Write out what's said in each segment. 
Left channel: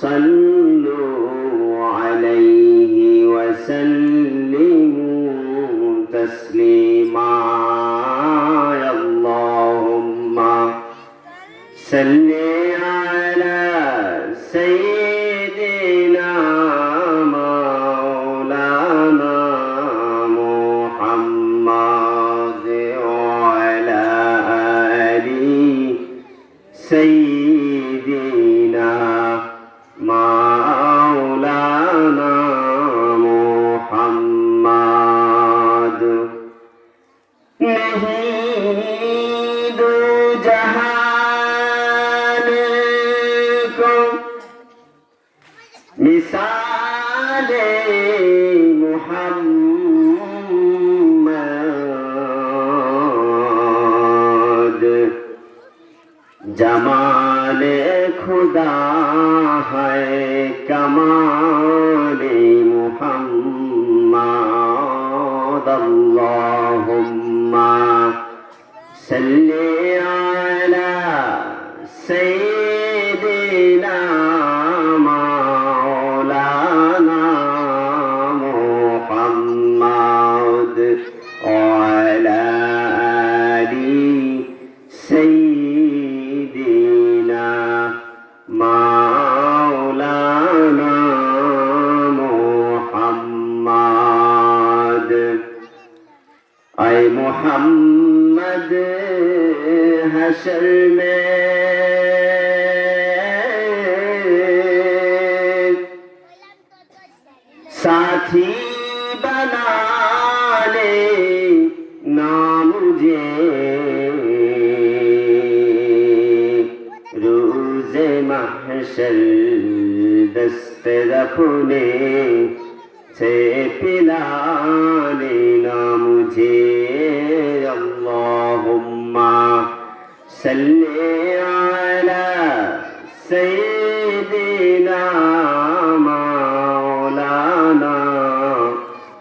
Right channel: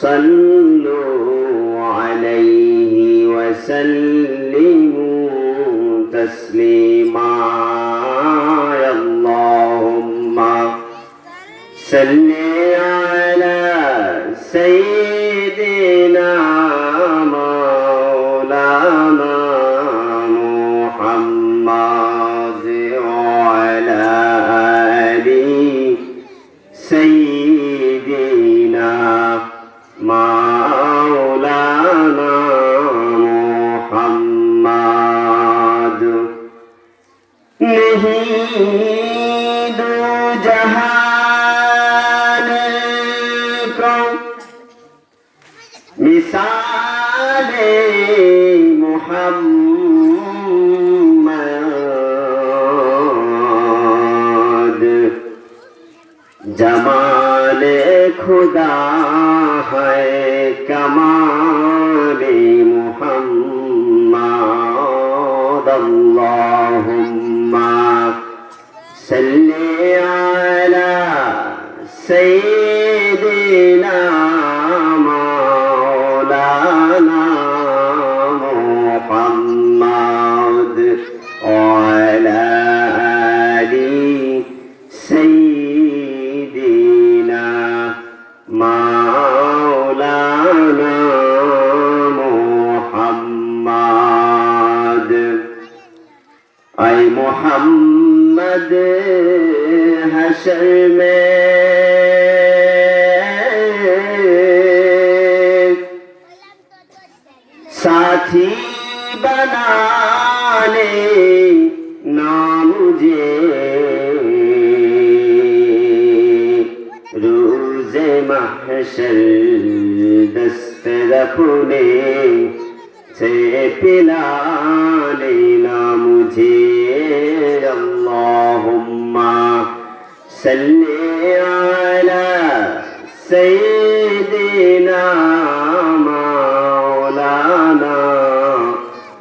صلوا عليه وسلموا تسليما اللهم صل على سيدنا مولانا محمد وعلى آل سيدنا مولانا محمد नहीं दो जहान को मिसाले मोहम्मद जमाले खुदा है कमाले मोहम्मद अल्लाहुम्मा सल्ली अला सय्यिदिना मौलाना मुहम्मद वअला आलि सय्यिदिना मौलाना मुहम्मद ऐ मुहम्मद हशर में साथी बना ले ना मुझे रोज़े महशर दस्त अपने से पिला लेना मुझे अल्लाहुम्मा सल्ली अला सय्यिदिना मौलाना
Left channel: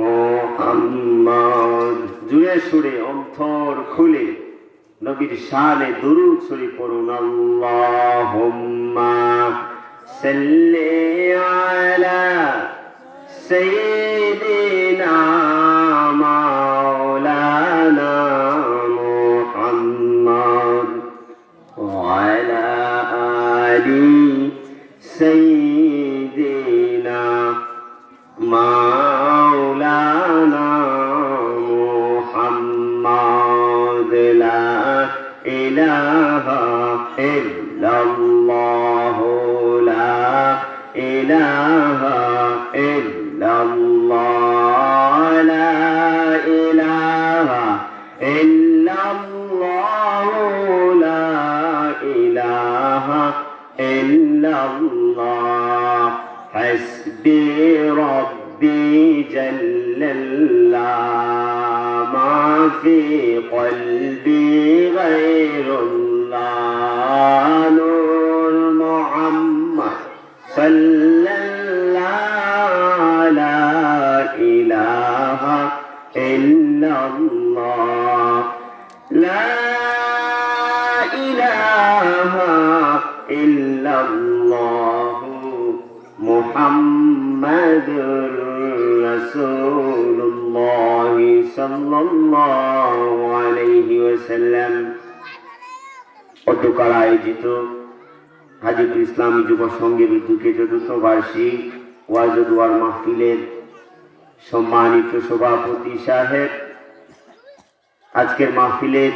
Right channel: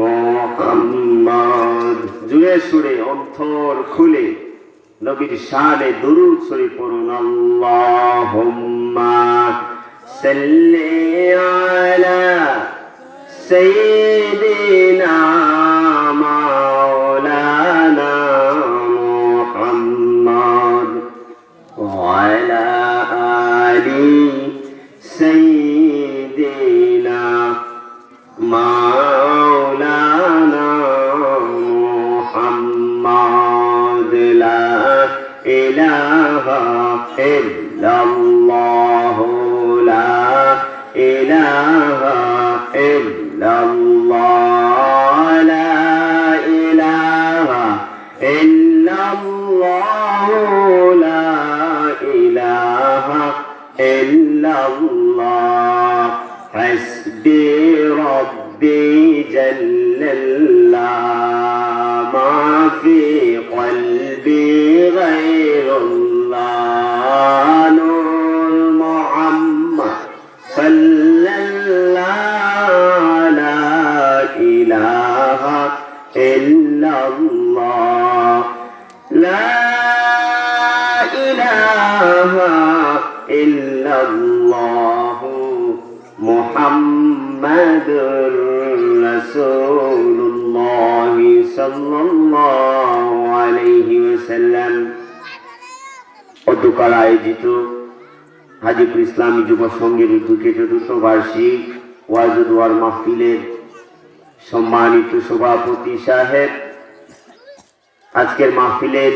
मुहम्मद जुए सुरे অন্তর খুলে নবীর শানে দুরূদ শরীফ পড়ুন আল্লাহুম্মা সাল্লি আলা سيدنا مولانا محمد وعلى آل سيدنا مولانا محمد لا إله إلا الله لا إله إلا الله لا إله إلا الله لا إله إلا الله حسبي ربي جل الله ما في قلبي غير الله نور محمد صلى إلا الله لا إله إلا الله محمد رسول الله صلى الله عليه وسلم অধ্যকার আয়োজিত হাজীপুর ইসলামী যুব সংঘের উদ্যোগে চতুর্থ বার্ষিক ওয়াজ ও দোয়ার মাহফিলের সম্মানিত সভাপতি সাহেব, আজকের মাহফিলের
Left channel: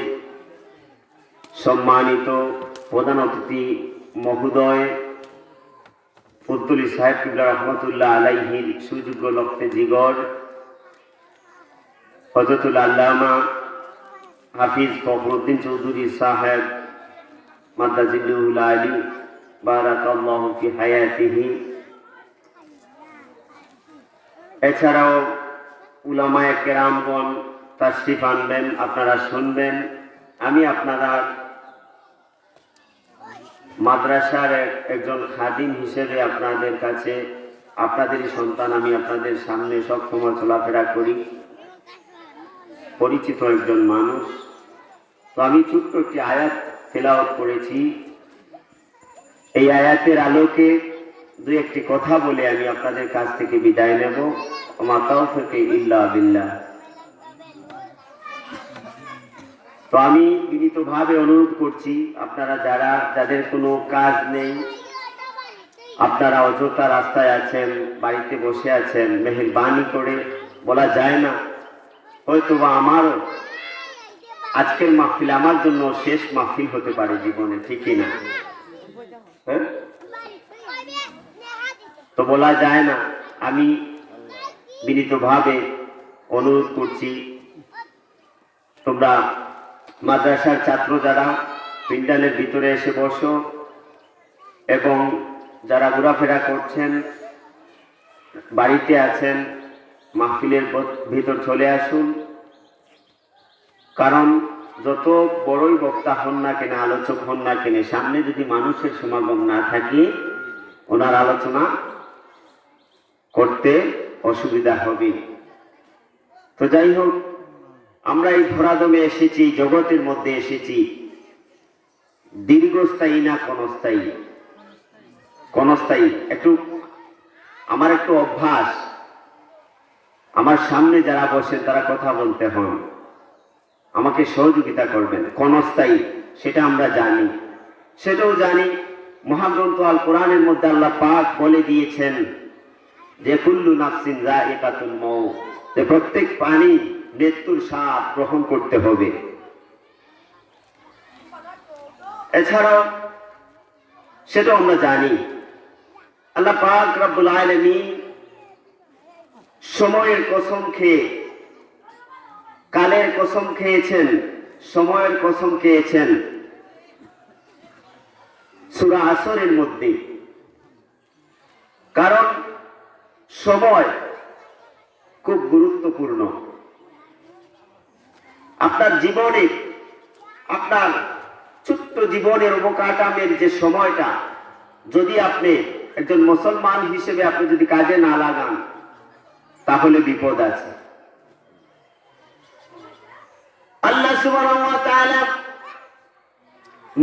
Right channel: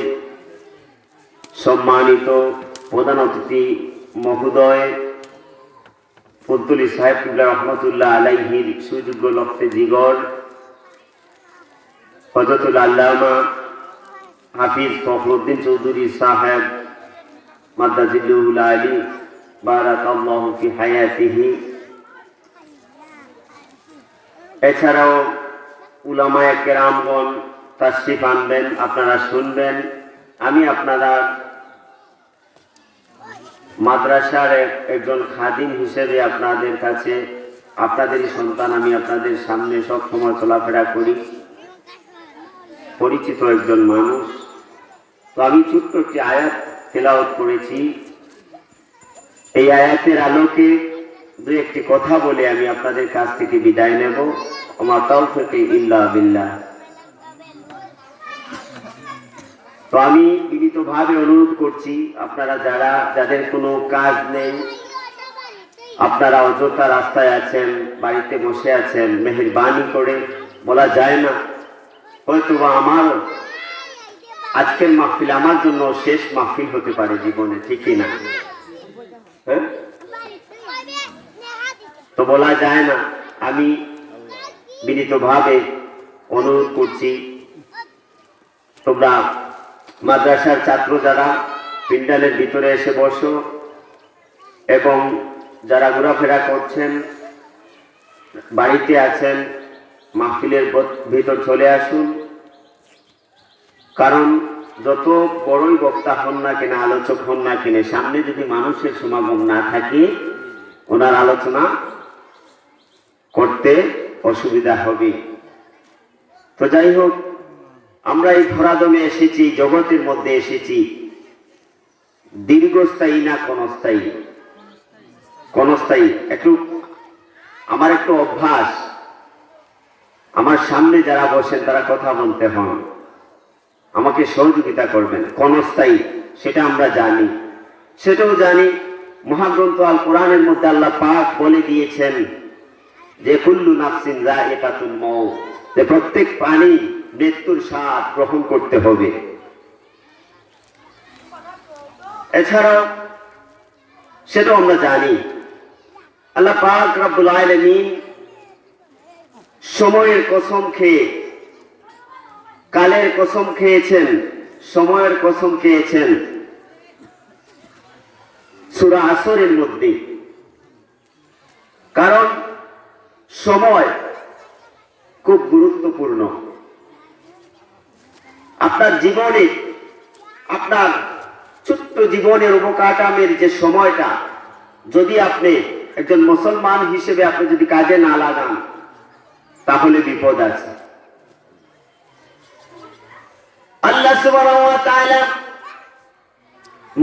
সম্মানিত প্রধান অতিথি মহোদয় ফজলুল সাহেব কিবলা রহমতুল্লাহ আলাইহির সুযোগ্য লক্ষ্যে জিগর হযরতুল আল্লামা হাফিজ ফখরুদ্দিন চৌধুরী সাহেব মাদ্দাজিল্লুহুল আলী বারাকাল্লাহু ফি হায়াতিহি, এছাড়াও উলামায়ে কেরামগণ তাশরিফ আনবেন, আপনারা শুনবেন। আমি আপনারা মাদ্রাসার একজন খাদিম হিসেবে আপনাদের কাছে, আপনাদেরই সন্তান, আমি আপনাদের সামনে সব সময় চলাফেরা করি, পরিচিত একজন মানুষ। তো আমি ছোট্ট একটি আয়াত তেলাওয়াত করেছি। এই আয়াতের আলোকে দুই একটি কথা বলে আমি আপনাদের কাছ থেকে বিদায় নেব। ওমা তাওফীক ইল্লা বিল্লাহ। তো আমি বিনীতভাবে অনুরোধ করছি, আপনারা যাদের কোনো কাজ নেই, আপনারা অযথা রাস্তায় আছেন, বাড়িতে বসে আছেন, মেহেরবানি করে, বলা যায় না হয়তোবা আমার আজকের মাহফিল আমার জন্য শেষ মাহফিল হতে পারে জীবনে, ঠিকই না? হ্যাঁ, তো বলা যায় না। আমি বিনীতভাবে অনুরোধ করছি, তোমরা মাদ্রাসার ছাত্র যারা প্যান্ডেলের ভিতরে এসে বসো, এবং যারা ঘোরাফেরা করছেন, বাড়িতে আছেন, মাহফিলের ভিতর চলে আসুন। কারণ যত বড়ই বক্তা হন না কেন, আলোচক হন না কেন, সামনে যদি মানুষের সমাগম না থাকে, ওনার আলোচনা করতে অসুবিধা হবে। তো যাই হোক, আমরা এই ধরাদমে এসেছি, জগতের মধ্যে এসেছি, দীর্ঘস্থায়ী না ক্ষণস্থায়ী? ক্ষণস্থায়ী। আমার একটু অভ্যাস, আমার সামনে যারা বসেন তারা কথা বলতে হন, আমাকে সহযোগিতা করবেন। ক্ষণস্থায়ী সেটা আমরা জানি, সেটাও জানি মহাগ্রন্থ আল কোরআনের মধ্যে আল্লাহ পাক বলে দিয়েছেন যে কুল্লু নাফসিন যায়িকাতুল মাউত, যে প্রত্যেক প্রাণী মৃত্যুর স্বাদ গ্রহণ করতে হবে। এছাড়াও সেটাও আমরা জানি আল্লাহ পাক রব্বুল আলামিন সময়ের কসম খেয়ে, কালের কসম খেয়েছেন, সময়ের কসম খেয়েছেন সূরা আসরের মধ্যে। কারণ সময় খুব গুরুত্বপূর্ণ। আপনার জীবনে, আপনার ছোট্ট জীবনের অবকাঠামের যে সময়টা, যদি আপনি একজন মুসলমান হিসেবে আপনি যদি কাজে না লাগান, তাহলে বিপদ আছে। আল্লাহ সুবহানাহু ওয়া তাআলা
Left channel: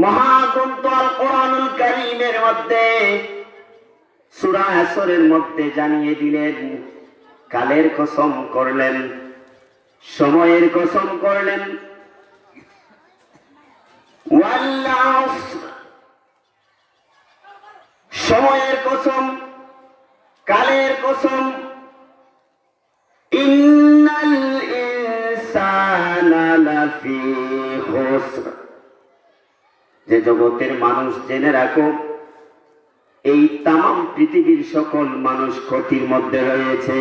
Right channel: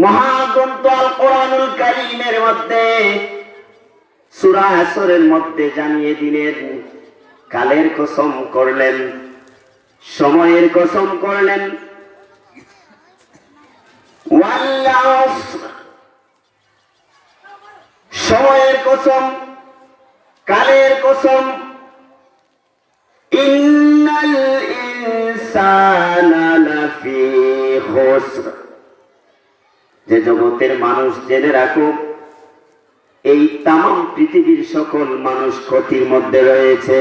মহাগ্রন্থ আল কোরআনুল কারীমের মধ্যে সূরা আসরের মধ্যে জানিয়ে দিলেন, কালের কসম করলেন, সময়ের কসম করলেন, ওয়াল আসর, সময়ের কসম, কালের কসম, ইন্নাল ইনসানা লাফি খুসর, যে জগতের মানুষ জেনে রাখো, এই তাম পৃথিবীর সকল মানুষ ক্ষতির মধ্যে রয়েছে।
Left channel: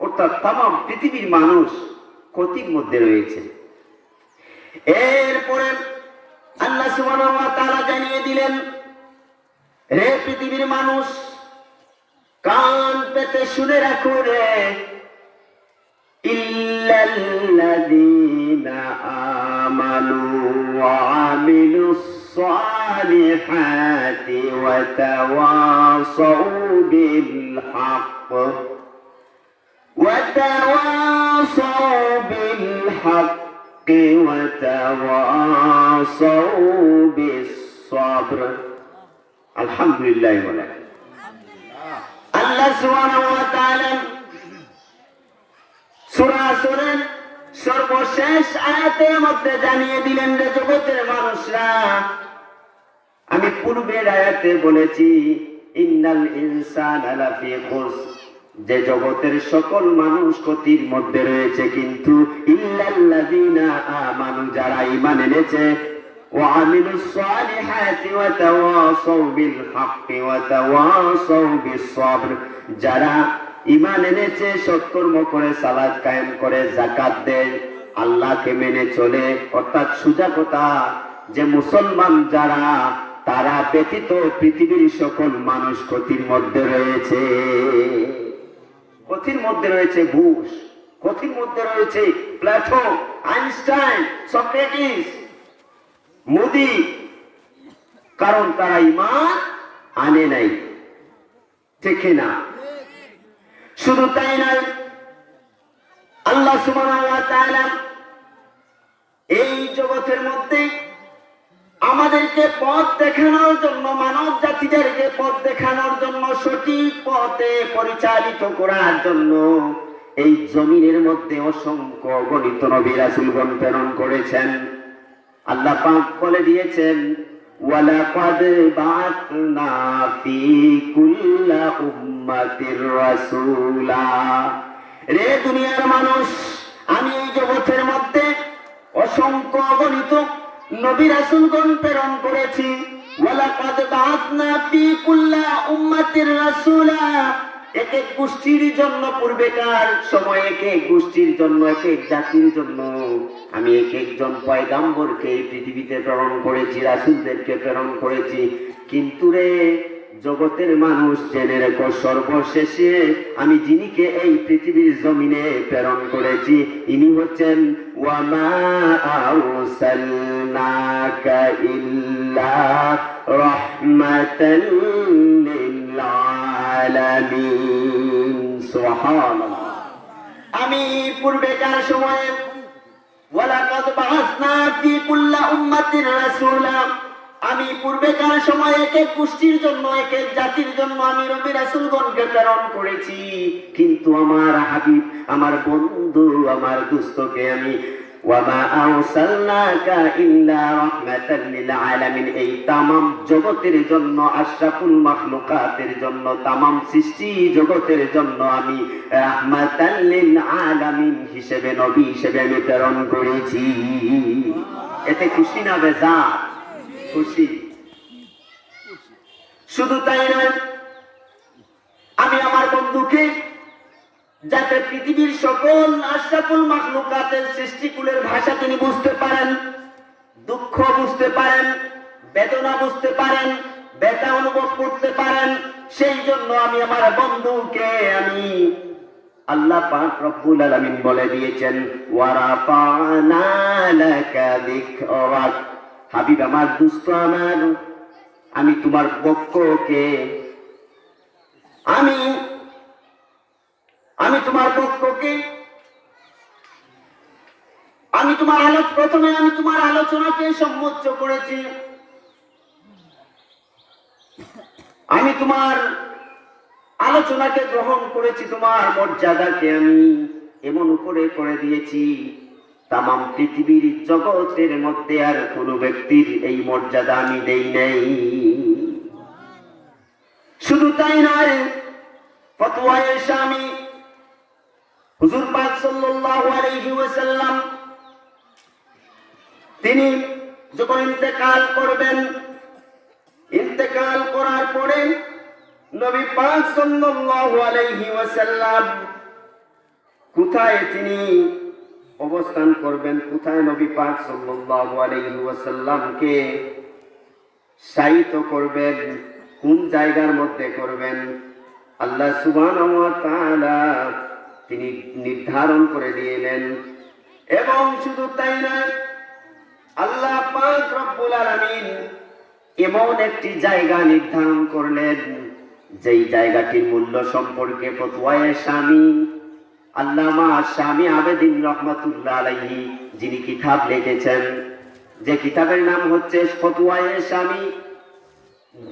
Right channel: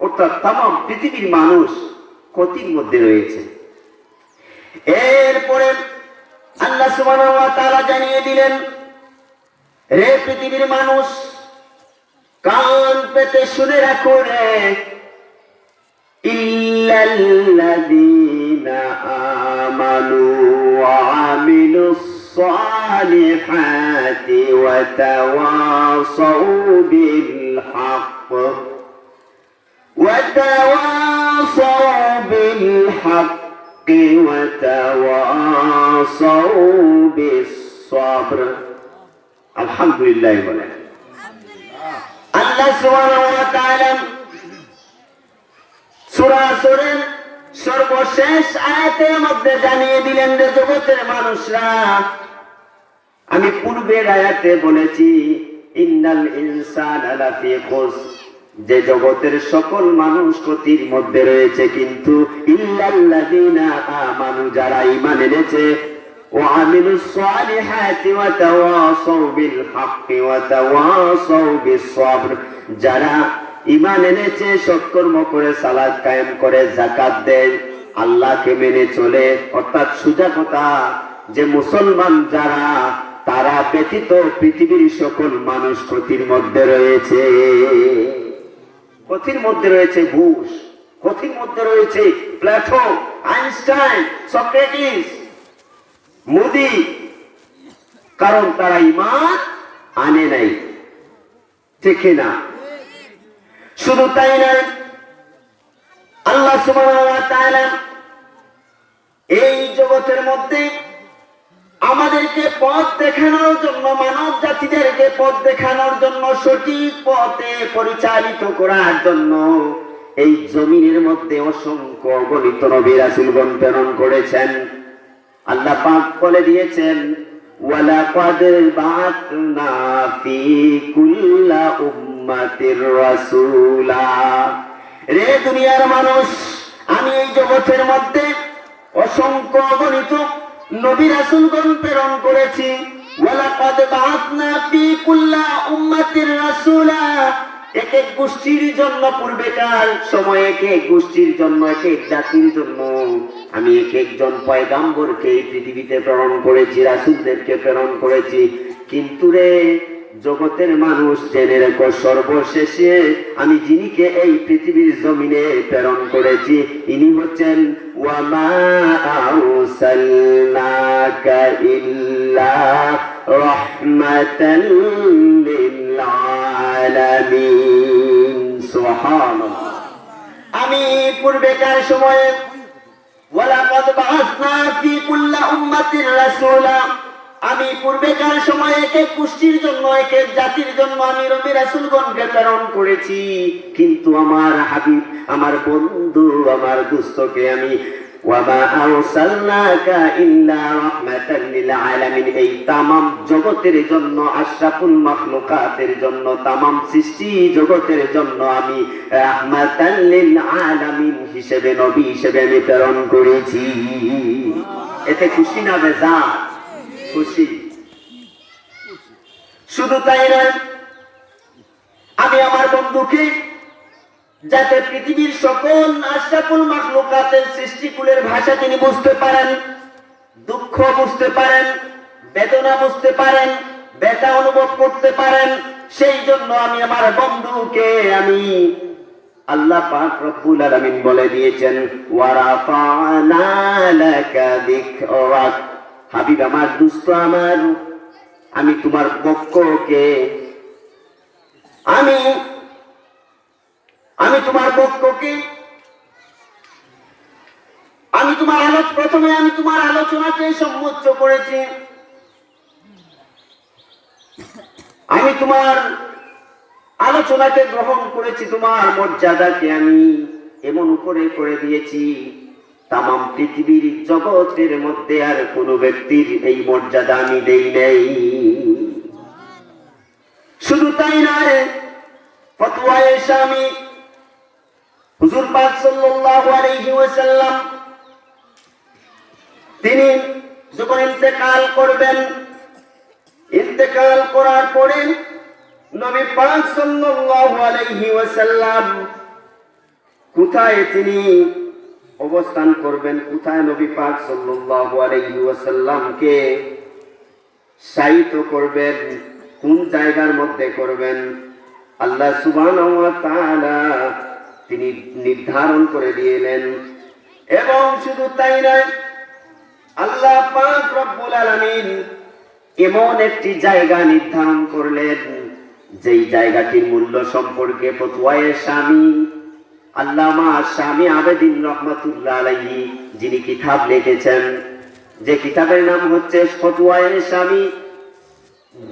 অর্থাৎ তাম পৃথিবীর মানুষ ক্ষতির মধ্যে রয়েছে। এরপরে আল্লাহ সুবহানাহু ওয়া তাআলা জানিয়ে দিলেন, রে পৃথিবীর মানুষ, কান পেতে শুনে রাখো রে, ইল্লাল্লাযীনা আমানু ওয়া আমিলুস সালিহাতি ওয়া তাওয়াসাউ বিল হক ওয়া তাওয়াসাউ বিল হক ওয়া তাওয়াসাউ বিস সাবর। আলহামদুলিল্লাহ বলেন। আল্লাহ সুবহানাহু ওয়া তাআলা সূরা আসরের সর্বশেষ আয়াতের মধ্যে জানিয়ে দিলেন যে জগতের মানুষরা, আমি পূর্বের আয়াতে বলেছি ইন্নাল ইনসানা লাফি খুসর, যে জগতের সকল মানুষ ক্ষতির মধ্যে রয়েছে, কিন্তু ইল্লাল্লাযীনা আমানু, যারা ঈমান এনেছে, ওয়া আমিলুস সালিহাতি ওয়া তাওয়াসাউ বিল হক ওয়া তাওয়াসাউ বিস সাবর, যারা ঈমান এনেছে, সৎকর্ম করে, সালাত কায়েম করে, যাকাত দেয়, আল্লাহকে মেনে চলে, অর্থাৎ সোজা কথা যে মুসলমান যারা, তারা ব্যতীত পৃথিবীর সকল মানুষ ক্ষতির মধ্যে রয়েছে। ক্ষতির মধ্যে রয়েছে বুশ, ক্ষতির মধ্যে রয়েছে প্লেটো, আইনস্টাইন, সক্রেটিস, মোদি, কারণ তারা ঈমান আনে নাই, ঠিক না? শুধু তাই নয়, আল্লাহ সুবহানাহু ওয়া তাআলা এই জগতের মধ্যে আমাদেরকে পথ দেখানোর জন্য, মানব জাতিদেরকে পথ দেখানোর জন্য, সঠিক পথে পরিচালিত করার জন্য এই জমিনের মধ্যে অসংখ্য অগণিত নবী রাসূলগণ প্রেরণ করেছেন। আল্লাহ পাক বলে দিয়েছেন, ওয়ালাকাদ বা'আথনা ফি কুল্লি উম্মাতির রাসূলা। রে দুনিয়ার মানুষ, আমি এই জগতের মধ্যে অসংখ্য অগণিত নবী রাসূলগণ প্রেরণ করেছি। ওয়ালাকাদ বা'আথনা ফি কুল্লি উম্মাতির রাসূলা। এক এক গোষ্ঠীর জন্য, পূর্বেকার সময়ে এক এক গোষ্ঠীর জন্য, এক এক জাতির জন্য আমি এক একজন পয়গাম্বরকে এই পৃথিবীতে প্রেরণ করেছি, রাসূলদেরকে প্রেরণ করেছি। কিন্তু রে জগতের মানুষ, জেনে রেখো, সর্বশেষে আমি যিনিকে এই পৃথিবীর জমিনে প্রেরণ করেছি, ইনি হচ্ছেন ওয়ামা আরসালনাকা ইল্লা রাহমাতাল লিল আলামিন। সুবহানাল্লাহ। আমি পূর্বেকার সময়ে ওয়ালাকাদ বা'আথনা ফি কুল্লি উম্মাতির রাসূলা, আমি পূর্বেকার সময়ে এক এক গোষ্ঠীর জন্য, এক এক জাতির জন্য আমি নবী রাসূলগণকে প্রেরণ করেছি। কিন্তু আমার হাবিব, আমার বন্ধু, আমার দোস্তকে আমি ওয়ামা আরসালনাকা ইল্লা রাহমাতাল লিল আলামিন, এই তামাম জগতের জন্য, আশরাফুল মাখলুকাতের জন্য, তামাম সৃষ্টি জগতের জন্য আমি রাহমাতাল লিল আলামিন হিসেবে, নবী হিসেবে আমি প্রেরণ করেছি। এতে খুশি না বেজার? খুশি। শুধু তাই নয়, আমি আমার বন্ধুকে, যাতে পৃথিবীর সকল আশরাফুল মাখলুকাতের সৃষ্টিকুলের ভাষা তিনি বুঝতে পারেন, দুঃখ বুঝতে পারেন, বেদনা বুঝতে পারেন, ব্যথা অনুভব করতে পারেন, সেই জন্য আমি আমার বন্ধুকে আমি, আল্লাহ পাক রব্বুল আলামিন বলে দিয়েছেন, ওয়া রাফা'না লাকা যিকরাক। হাবিব আমার, দোস্ত আমার, আমি তোমার পক্ষকে আমি তোমার পক্ষকে প্রথমে আমি তোমার আলোচনাকে সম্মুখ করেছি। আমি তোমার আলোচনাকে গ্রহণ করেছি, তোমার মর্যাদাকে আমি এমন উপরে করে দিয়েছি, তামাম পৃথিবীর জগতের মধ্যে আর কোন ব্যক্তির এই মর্যাদা আমি দেই নাই। শুধু তাই নয়, ফতোয়ায়ে শামী হুজুর পাক সাল্লাল্লাহু আলাইহি ওয়াসাল্লাম তিনি যখন ইন্তেকাল করবেন, ইন্তেকাল করার পরে নবী পাক সাল্লাল্লাহু আলাইহি ওয়াসাল্লাম কোথায় তিনি অবস্থান করবেন, কোথায় নবী পাক সাল্লাল্লাহু আলাইহি ওয়াসাল্লামকে শায়িত করবেন, কোন জায়গার মধ্যে করবেন, আল্লাহ সুবহানাহু ওয়া তাআলা তিনি নির্ধারণ করে দিলেন। এবং শুধু তাই নয়, আল্লাহ পাক রব্বুল আলামিন এমন একটি জায়গা নির্ধারণ করলেন, যেই জায়গাটির মূল্য সম্পর্কে ফতোয়ায়ে শামী আল্লামা শামী আবেদিন রাহমাতুল্লাহ আলাইহি যিনি কিতাব লিখেছেন, যে কিতাবের নাম হচ্ছে ফতোয়ায়ে শামী,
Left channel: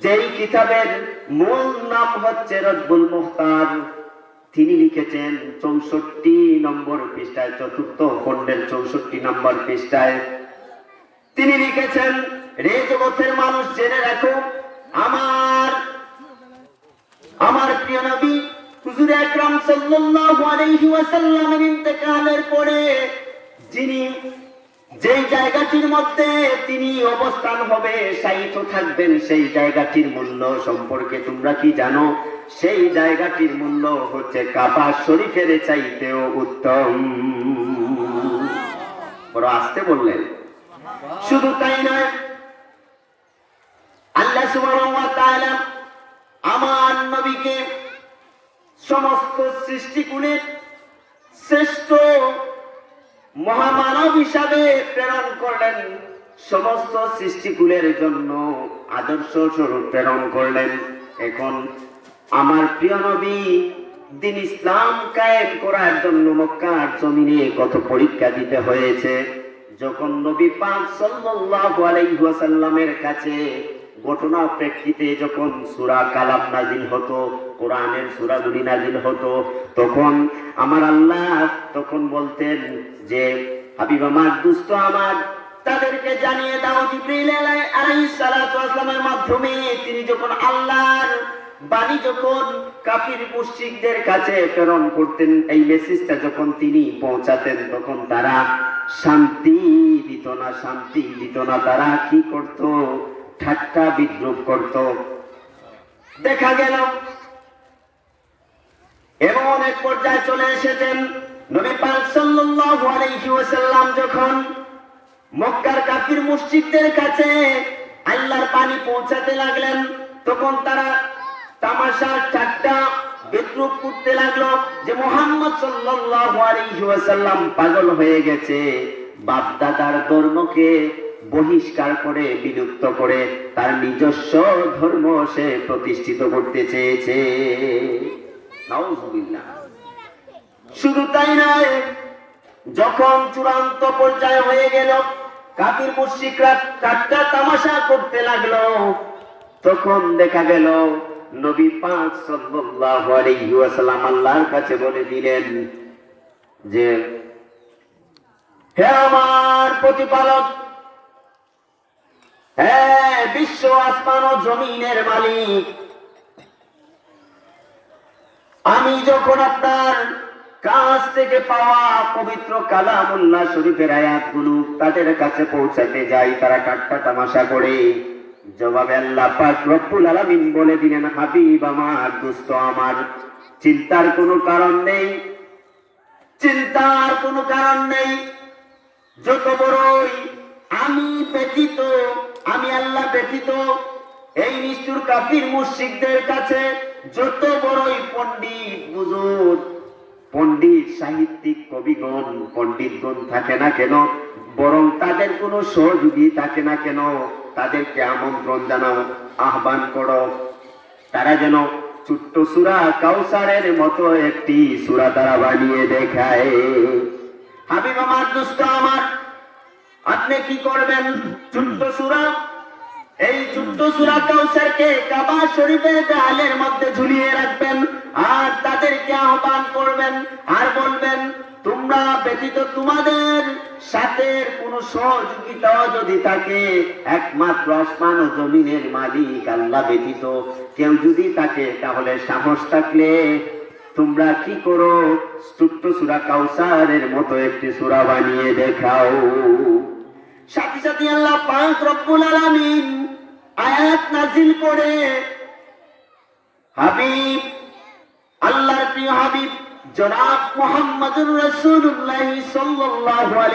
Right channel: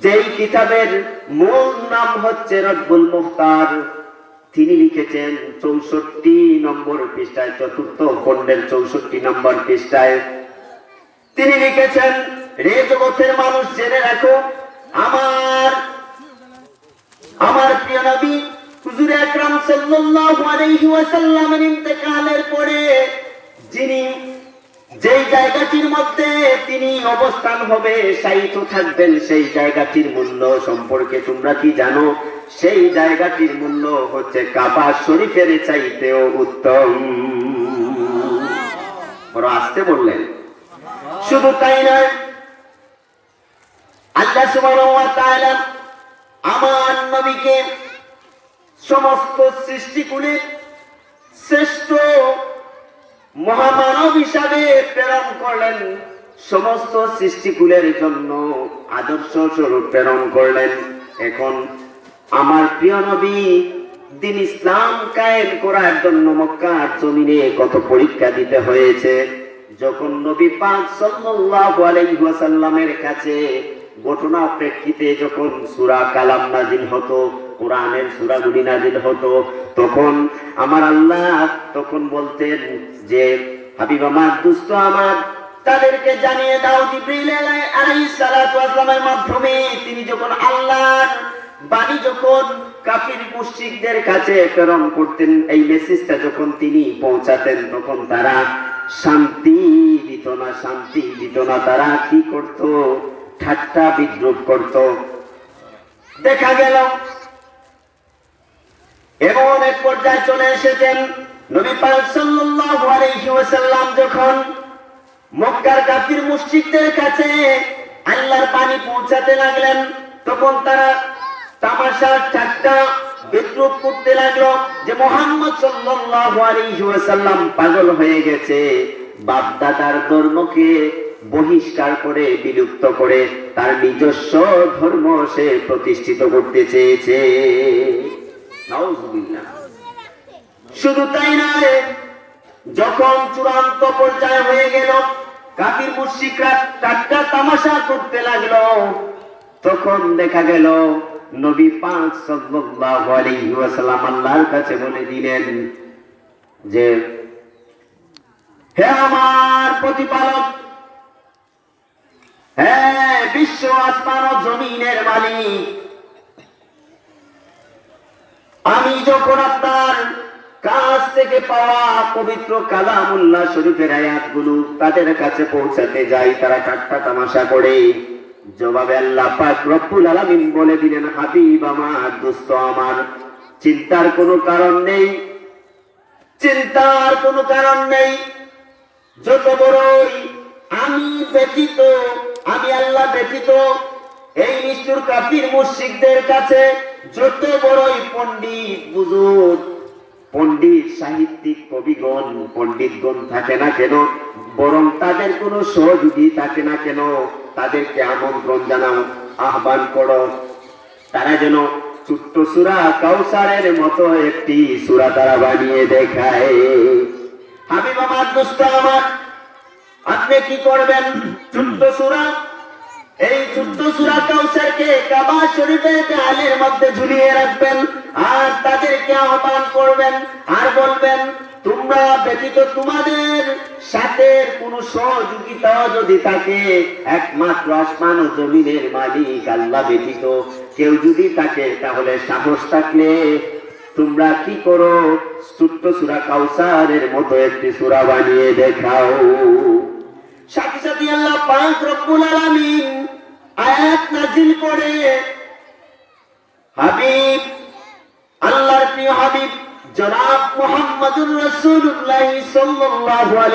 যেই কিতাবের মূল নাম হচ্ছে রব্বুল মুখতার, তিনি লিখেছেন 64 নম্বর পৃষ্ঠায়, চতুর্থ খণ্ডের 64 নম্বর পৃষ্ঠায় তিনি লিখেছেন, রে জগতের মানুষ, জেনে রাখো, আমার প্রিয় নবী হুজুর আকরাম সাল্লাল্লাহু আলাইহি ওয়াসাল্লামের ইন্তেকালের পরে যিনি যেই জায়গাটির মধ্যে তিনি অবস্থান হবে, শায়িত থাকবেন, সেই জায়গাটির মূল্য সম্পর্কে তোমরা কি জানো? সেই জায়গাটির মূল্য হচ্ছে কাবা শরীফের চাইতেও উত্তম। বড় আস্তে বললেন। শুধু তাই নয়, আল্লাহ সুবহানাহু ওয়া তাআলা আমার নবীকে সমস্ত সৃষ্টিকুলের শ্রেষ্ঠ মহামানব হিসাবে প্রেরণ করলেন, সমস্ত সৃষ্টিকুলের জন্য আদর্শ স্বরূপ প্রেরণ করলেন। এখন আমার প্রিয় নবী দিন ইসলাম কায়েম করার জন্য মক্কার জমিনে কত পরীক্ষা দিতে হয়েছে, যখন নবী পাক সাল্লাল্লাহু আলাইহি ওয়াসাল্লামের কাছে ঘটনা প্রেক্ষিতে যখন সূরা কালাম নাজিল হতো, কোরআনের সূরাগুলি নাজিল হতো, তখন আমার আল্লাহ তখন বলতেন যে হাবিব আমার, দুষ্ট আমার, তাদেরকে জানিয়ে দাও জিবরিল আলাইহিস সালাতু ওয়াসসালামের মাধ্যমে তিনি যখন আল্লাহর বাণী যখন কাফির মুশরিকদের কাছে প্রেরণ করতেন, এই মেসেজটা যখন তিনি পৌঁছাতেন, তখন তারা শান্তি দিত না, তারা কি করত? ঠাট্টা বিদ্রুপ করত। দেখা গেল এমন এক পর্যায়ে চলে এসেছেন নবী পাক সাল্লাল্লাহু আলাইহি ওয়াসাল্লাম যখন মক্কার কাফির মুশরিকদের কাছে আল্লাহর বাণী পৌঁছাতে লাগলেন, তখন তারা তামাশা ঠাট্টা বিদ্রুপ করতে লাগলো যে মুহাম্মদ সাল্লাল্লাহু আলাইহি ওয়াসাল্লাম পাগল হয়ে গেছে, বাপ দাদার ধর্মকে বহিষ্কার করে বিলুপ্ত করে তার নিজস্ব ধর্ম সে প্রতিষ্ঠিত করতে চেয়েছে। নাউজুবিল্লাহ। শুধু তাই নয়, যখন চূড়ান্ত পর্যায়ে হয়ে গেল, কাফির মুশরিকরা ঠাট্টা তামাশা করতে লাগলো, তখন দেখা গেল নবী পাক সাল্লাল্লাহু আলাইহি ওয়াসাল্লাম আল্লাহর কাছে বলে দিলেন যে হে আমার প্রতিপালক, হে বিশ্ব আসমান ও জমিনের মালিক, আমি যখন আপনার কাছ থেকে পাওয়া পবিত্র কালামুল্লাহ শরীফের আয়াতগুলো তাদের কাছে পৌঁছাতে যাই, তারা ঠাট্টা তামাশা করে। জবাবে আল্লাহ পাক রব্বুল আলামিন বলে দিলেন, হাবিব আমার, দোস্ত আমার, চিন্তার কোনো কারণ নেই, চিন্তার কোনো কারণ নেই। যত বড়ই আমি ব্যতীত, আমি আল্লাহ ব্যতীত এই নিষ্ঠুর কাফির মুশরিকদের কাছে যত বড়ই পণ্ডিত বুজুর্গ, পণ্ডিত সাহিত্যিক কবিগণ, পণ্ডিতগণ থাকে না কেন, বরং তাদের কোনো সহযোগী থাকে না কেন, তাদেরকে আমন্ত্রণ জানাও, আহ্বান করো, তারা যেন ছোট্ট সূরা কাউসারের মতো একটি সূরা তারা বানিয়ে দেখায়। হাবিব আমার, দোস্ত আমার, আপনি কি করবেন? ছোট্ট সূরা, এই ছোট্ট সূরা কাউসারকে কাবা শরীফের দেয়ালের মধ্যে ঝুলিয়ে রাখবেন, আর তাদেরকে আহ্বান করবেন আর বলবেন, তোমরা ব্যতীত তোমাদের সাথে কোন সহযোগিতা যদি থাকে, একমাত্র আসমান ও জমিনের মালিক আল্লাহ ব্যতীত কেউ যদি থাকে, তাহলে সাহস থাকলে তোমরা কি করো? ছোট্ট সূরা কাউসারের মতো একটি সূরা বানিয়ে দেখাও। সাথে সাথে আল্লাহ পাক রব্বুল আলামিন আয়াত নাযিল করে হাবিব, আল্লাহর প্রিয় হাবিব জনাব মুহাম্মদুর রাসূলুল্লাহ সাল্লাল্লাহু আলাইহি